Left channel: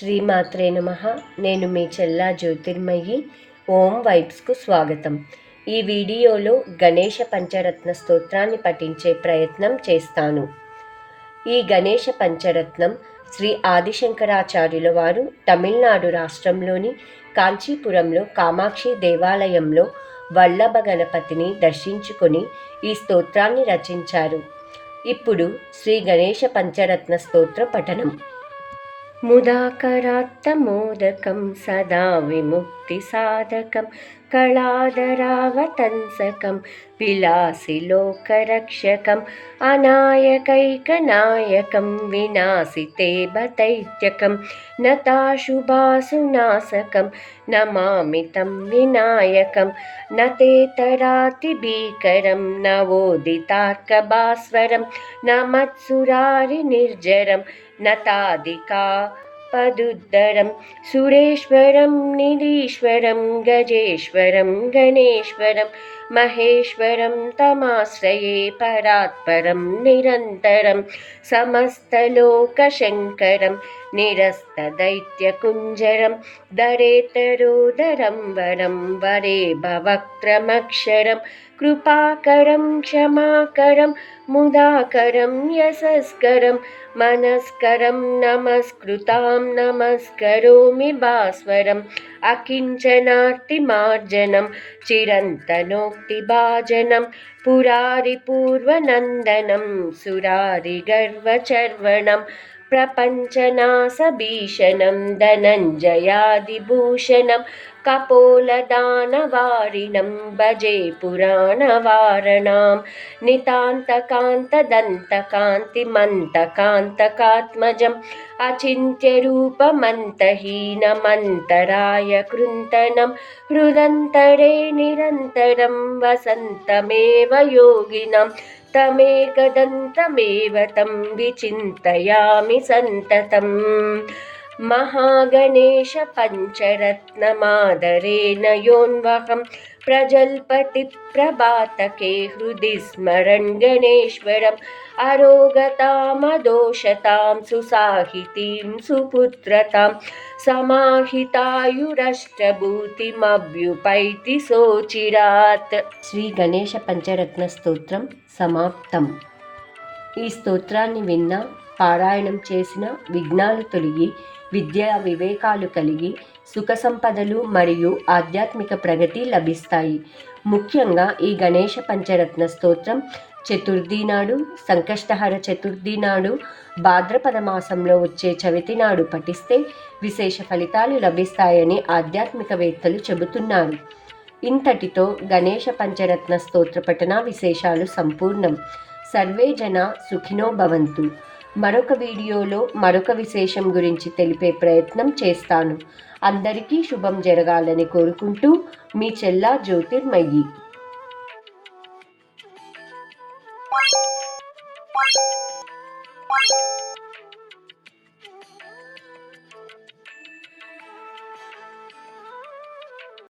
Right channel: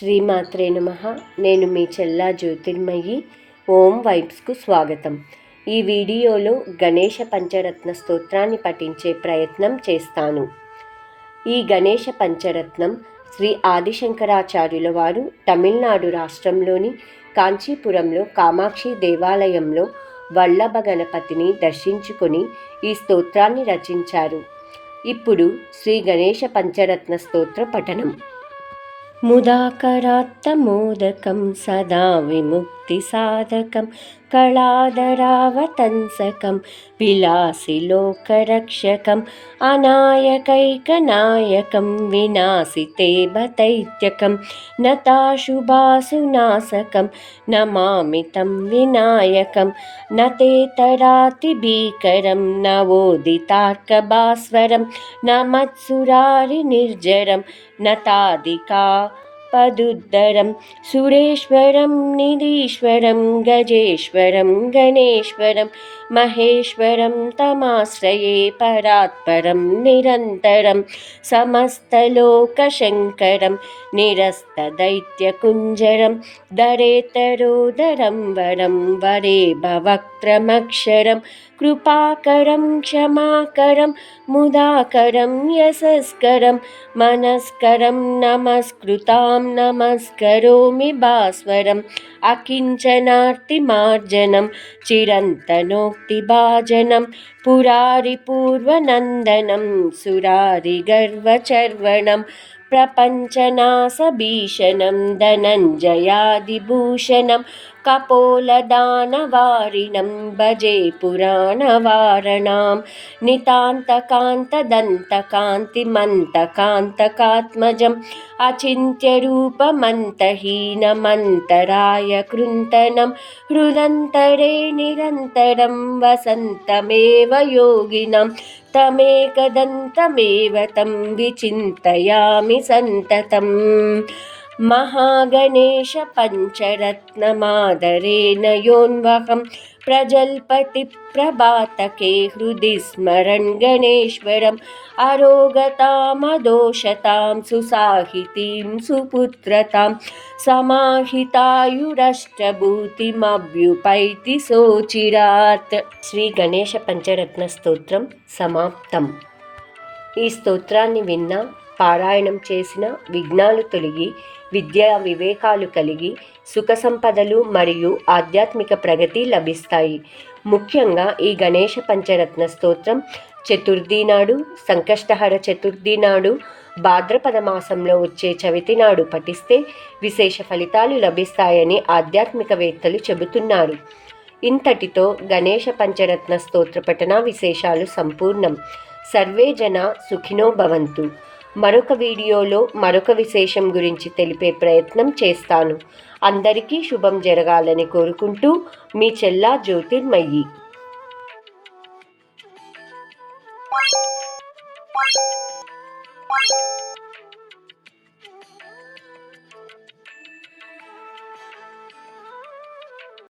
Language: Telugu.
శ్రీమాత్రే నమః. నేను మీ చెల్లా జ్యోతిర్మయి. ఓం వైబ్స్కు స్వాగతం. ఈ వీడియోలో గణేష పంచరత్న స్తోత్రాన్ని పఠించే ప్రయత్నం చేస్తాను. ఈ గణేష పంచరత్నం శ్రీ ఆదిశంకరాచార్యుల వారు తమిళనాడు రాష్ట్రంలోని కాంచీపురంలో కామాక్షి దేవాలయంలో వల్లభ గణపతిని దర్శించుకొని ఈ స్తోత్రాన్ని రచించారు. ఇప్పుడు శ్రీ గణేష పంచరత్న స్తోత్ర పఠనం. ముదాకరాత్తమోదకం సదా విముక్తిసాధకం కళాధరావతంసకం విలాసిలోకరక్షకం అనాయకైకనాయకం వినాశితేభతైత్యకం నతాశుభాసునాశకం నమామితం వినాయకం నతేతరాతిభీకరం నవోదితార్కభాస్వరం నమత్సురారి నిర్జరం నతాదికా పదుద్దరం సురేశ్వరం నిధీశ్వరం గజేశ్వరం గణేశ్వరం మహేశ్వరం తమాశ్రయే పరాత్పరం నిరంతరం సమస్తలోకశంకరం నిరస్తదైత్యకుంజరం దరేతరోదరం వరం వరే భవక్త్రమక్షరం కృపాకరం క్షమాకరం ముదాకరం యశస్కరం మనస్కరం నమస్కృతాం నమస్కరోమి భాస్వరం అకించనార్తిమార్జనం చిరంతనోక్తిభాజనం పురారి పూర్వనందనం సురారి గర్వచర్వణం ప్రపంచనాశభీషణం ధనంజయాదిభూషణం కపోలదానవారిణం భజే పురాణవారణాం నితాంతకాంతదంతకాంతిమంతకాంతకాత్మజం అచింత్యరూపమంతహీనమంతరాయ కృంతనం హృదంతరే నిరంతరం వసంతమేవ యోగినం తమేకదంతమేవ తం విచింతయామి సంతతం. మహాగణేశ పంచరత్నమాదరేణ యోన్వహం ప్రజల్పతి ప్రభాతకే హృది స్మరన్ గణేశ్వరం అరోగతామదోషతాం సుసాహితీం సుపుత్రతాం సమాహితాయురష్టభూతిమభ్యుపైతి సోచిరాత్. శ్రీ గణేశ పంచరత్న స్తోత్రం సమాప్తం. ఈ స్తోత్రాన్ని విన్న, పారాయణం చేసిన విఘ్నాలు తొలగి విద్యా వివేకాలు కలిగి సుఖ సంపదలు మరియు ఆధ్యాత్మిక ప్రగతి లభిస్తాయి. ముఖ్యంగా ఈ గణేష పంచరత్న స్తోత్రం చతుర్థి నాడు, సంకష్టహర చతుర్థి నాడు, భాద్రపద మాసంలో వచ్చే చవితి నాడు పఠిస్తే విశేష ఫలితాలు లభిస్తాయని ఆధ్యాత్మికవేత్తలు చెబుతున్నారు. ఇంతటితో గణేష పంచరత్న స్తోత్ర పఠన విశేషాలు సంపూర్ణం. సర్వే జన సుఖినో భవంతు. మరొక వీడియోలో మరొక విశేషం గురించి తెలిపే ప్రయత్నం చేస్తాను. అందరికీ శుభం జరగాలని కోరుకుంటూ మీ చెల్లా జ్యోతిర్మయి.